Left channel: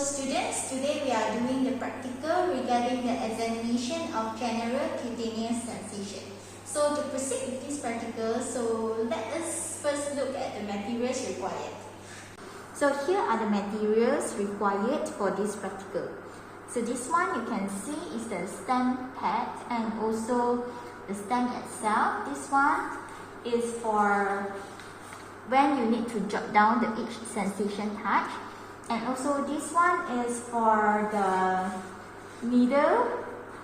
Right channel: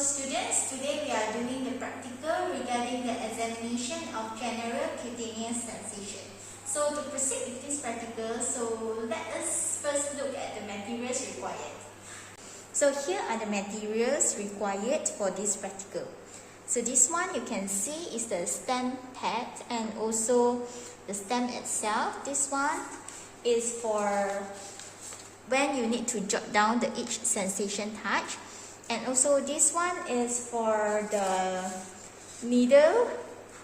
students, today we are doing the practical regarding the examination of general cutaneous sensation. So to proceed with this practical, let us first look at the materials required. So here are the materials required for this practical. So this one you can see is the stem pad and also the stem itself. This one is for when you need to jot down the each sensation touch. And also this one is for the needle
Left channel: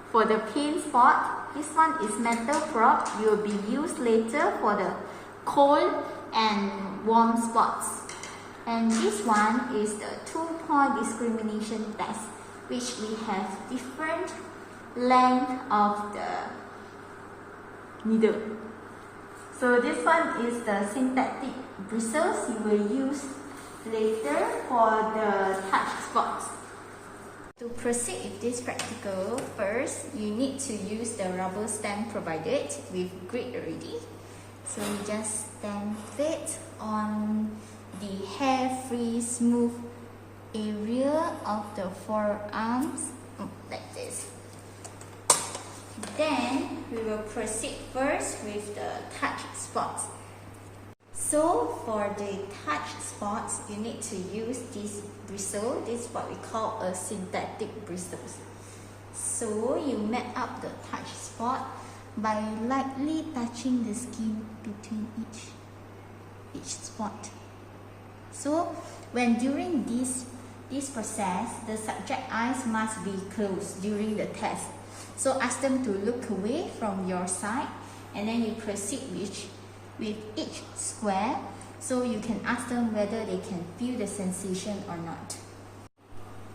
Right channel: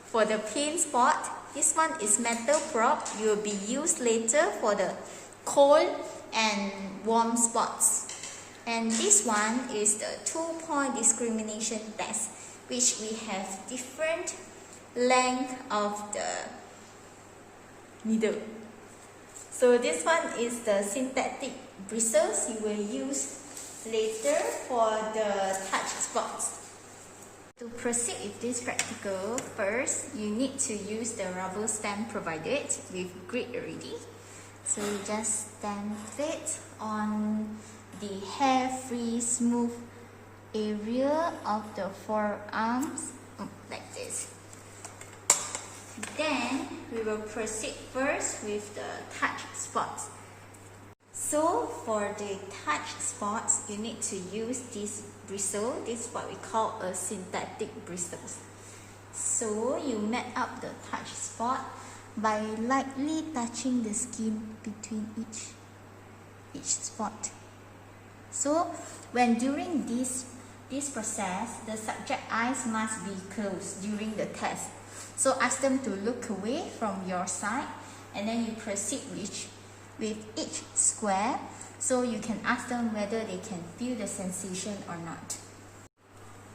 for the pain spot. This one is metal probe. It will be used later for the cold and warm spots. And this one is the 2-point discrimination test, which we have different length of the needle. So this one is the synthetic bristles you will use later for the touch spots. To proceed with this practical, first you need to use the rubber stamp provided with grid already. So you just stamp it on the hair-free smooth area of the forearms like this. Then we will proceed first with the touch spots. So for the touch spots, you need to use this bristle. This is what we call a synthetic bristles. So you map up the touch spot by lightly touching the skin between each spot. So when during this process, the subject eyes must be closed during the test. So ask them to look away from your side, and then you proceed with each square, so you can ask them whether they can feel the sensation or not.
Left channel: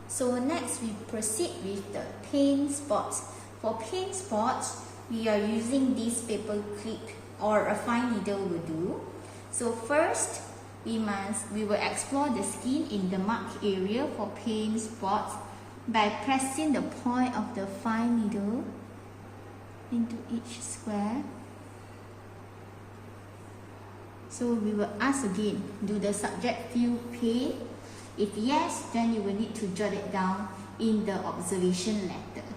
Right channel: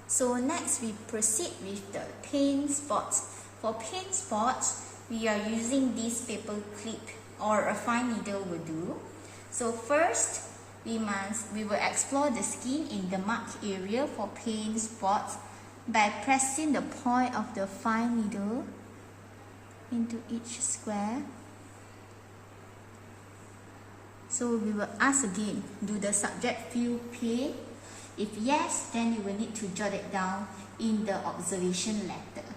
So next we proceed with the pain spots. For pain spots, we are using this paper clip or a fine needle will do. So first, we will explore the skin in the marked area for pain spots by pressing the point of the fine needle into each square. So we will ask again, do the subject feel pain? If yes, then you will need to jot it down in the observation letter.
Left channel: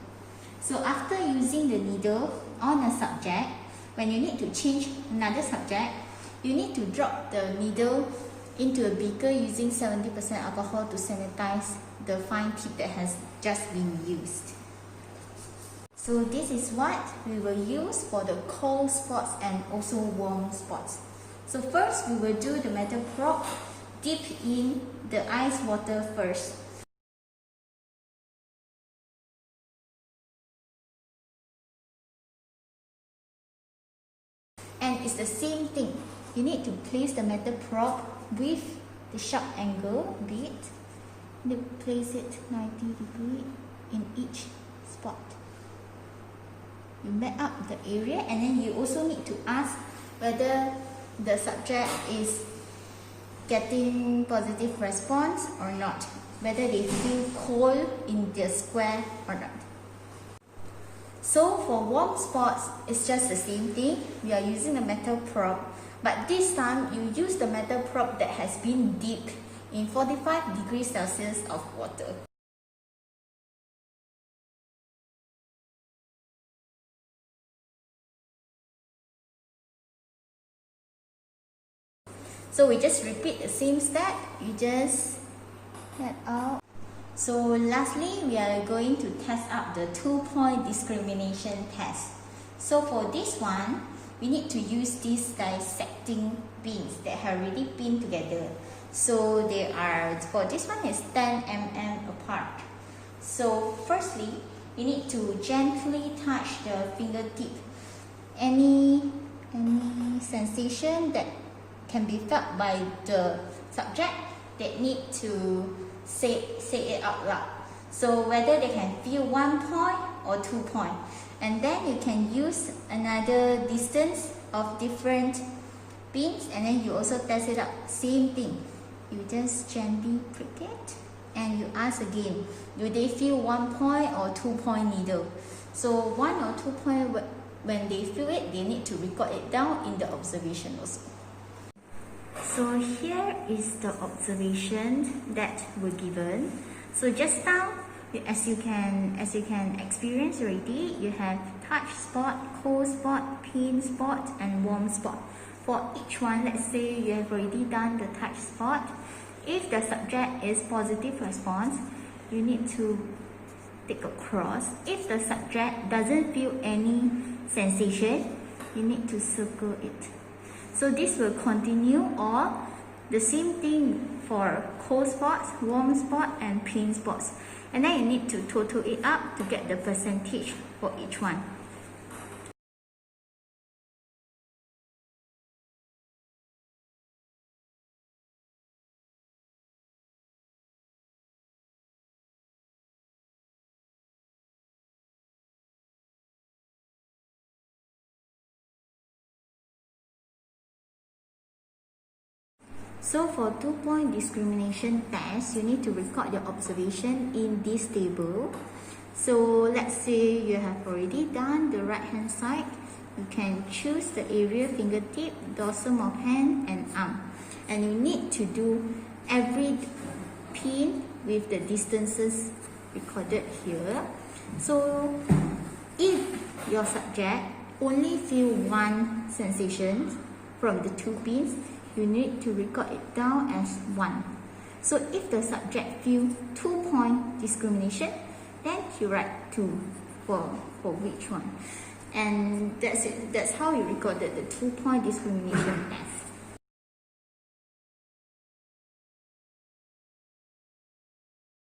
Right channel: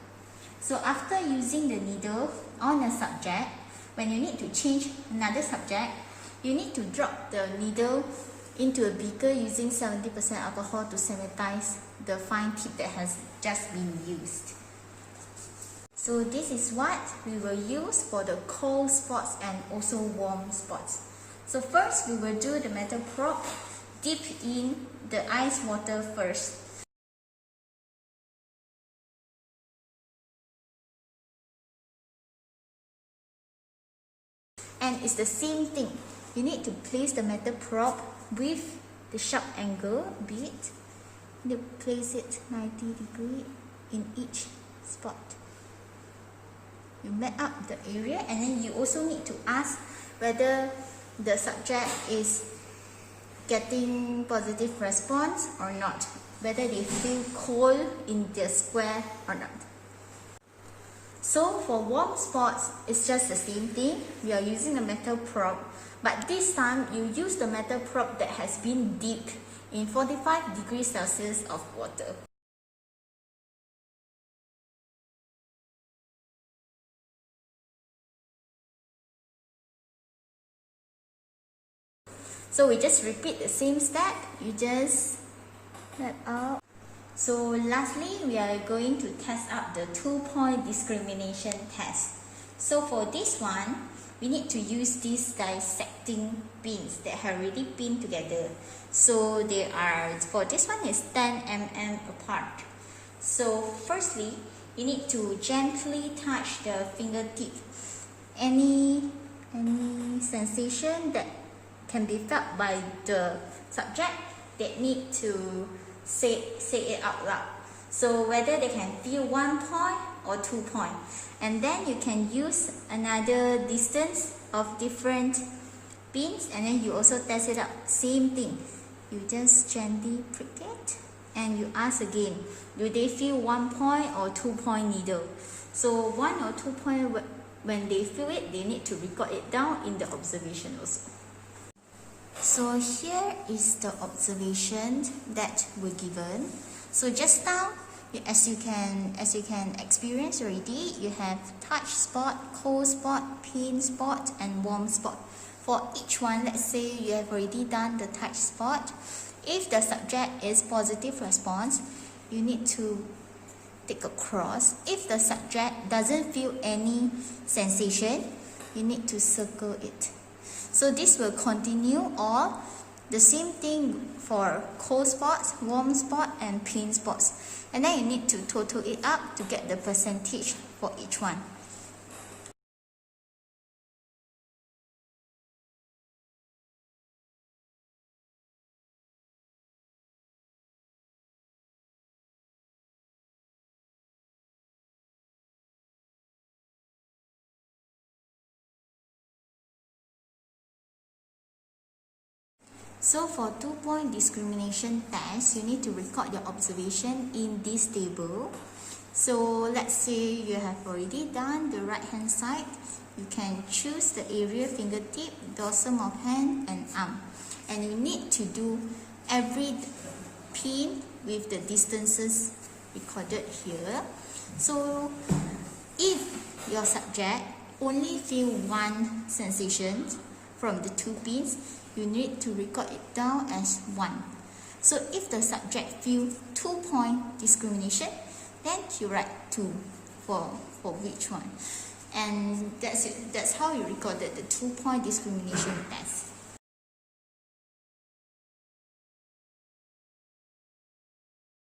So after using the needle on a subject, when you need to change another subject, you need to drop the needle into a beaker using 70% alcohol to sanitize the fine tip that has just been used. So this is what we will use for the cold spots and also warm spots. So first we will do the metal probe, dip in the ice water first. And it's the same thing. You need to place the metal probe with the sharp angle bit. You place it 90 degrees in each spot. You map up the area, and then you also need to ask whether the subject is getting positive response or not, whether they feel cold in the square or not. So for warm spots, it's just the same thing. We are using a metal probe, but this time you use the metal probe that has been dipped in 45 degrees Celsius of water. So we just repeat the same step. You just let out. So lastly, we are going to test out the 2-point discrimination test. So for this one, we need to use these dissecting pins that have already pinned together. So they are, for this one is 10 mm apart. So firstly, you need to gently touch the fingertip. Any sensation that can be felt by the subject, they need to say it out loud. So whether they can feel 1 point or 2 points. And then you can use another distance of different pins, and then you also test it out. Same thing. You just gently prick it and you ask again, do they feel 1 point or 2 point needle? So 1 or 2 point, when they feel it, they need to record it down in the observation also. So here is the observation that were given. So just now, as you can experience already, you have touch spot, cold spot, pain spot, and warm spot. For each one, let's say you have already done the touch spot. If the subject is positive response, you need to take a cross. If the subject doesn't feel any sensation, you need to circle it. So this will continue, or the same thing for cold spots, warm spot, and pain spots. And then you need to total it up to get the percentage for each one. So for 2-point discrimination test, you need to record your observation in this table. So let's say you have already done the right hand side. You can choose the area fingertip, dorsum of hand, and arm. And you need to do every pin with the distances recorded here. So if your subject only feel one sensation from the 2 pins, you need to record it down as 1. So if the subject feel 2-point discrimination, then you write 2 for which one. And that's it. That's how you recorded the 2-point discrimination test.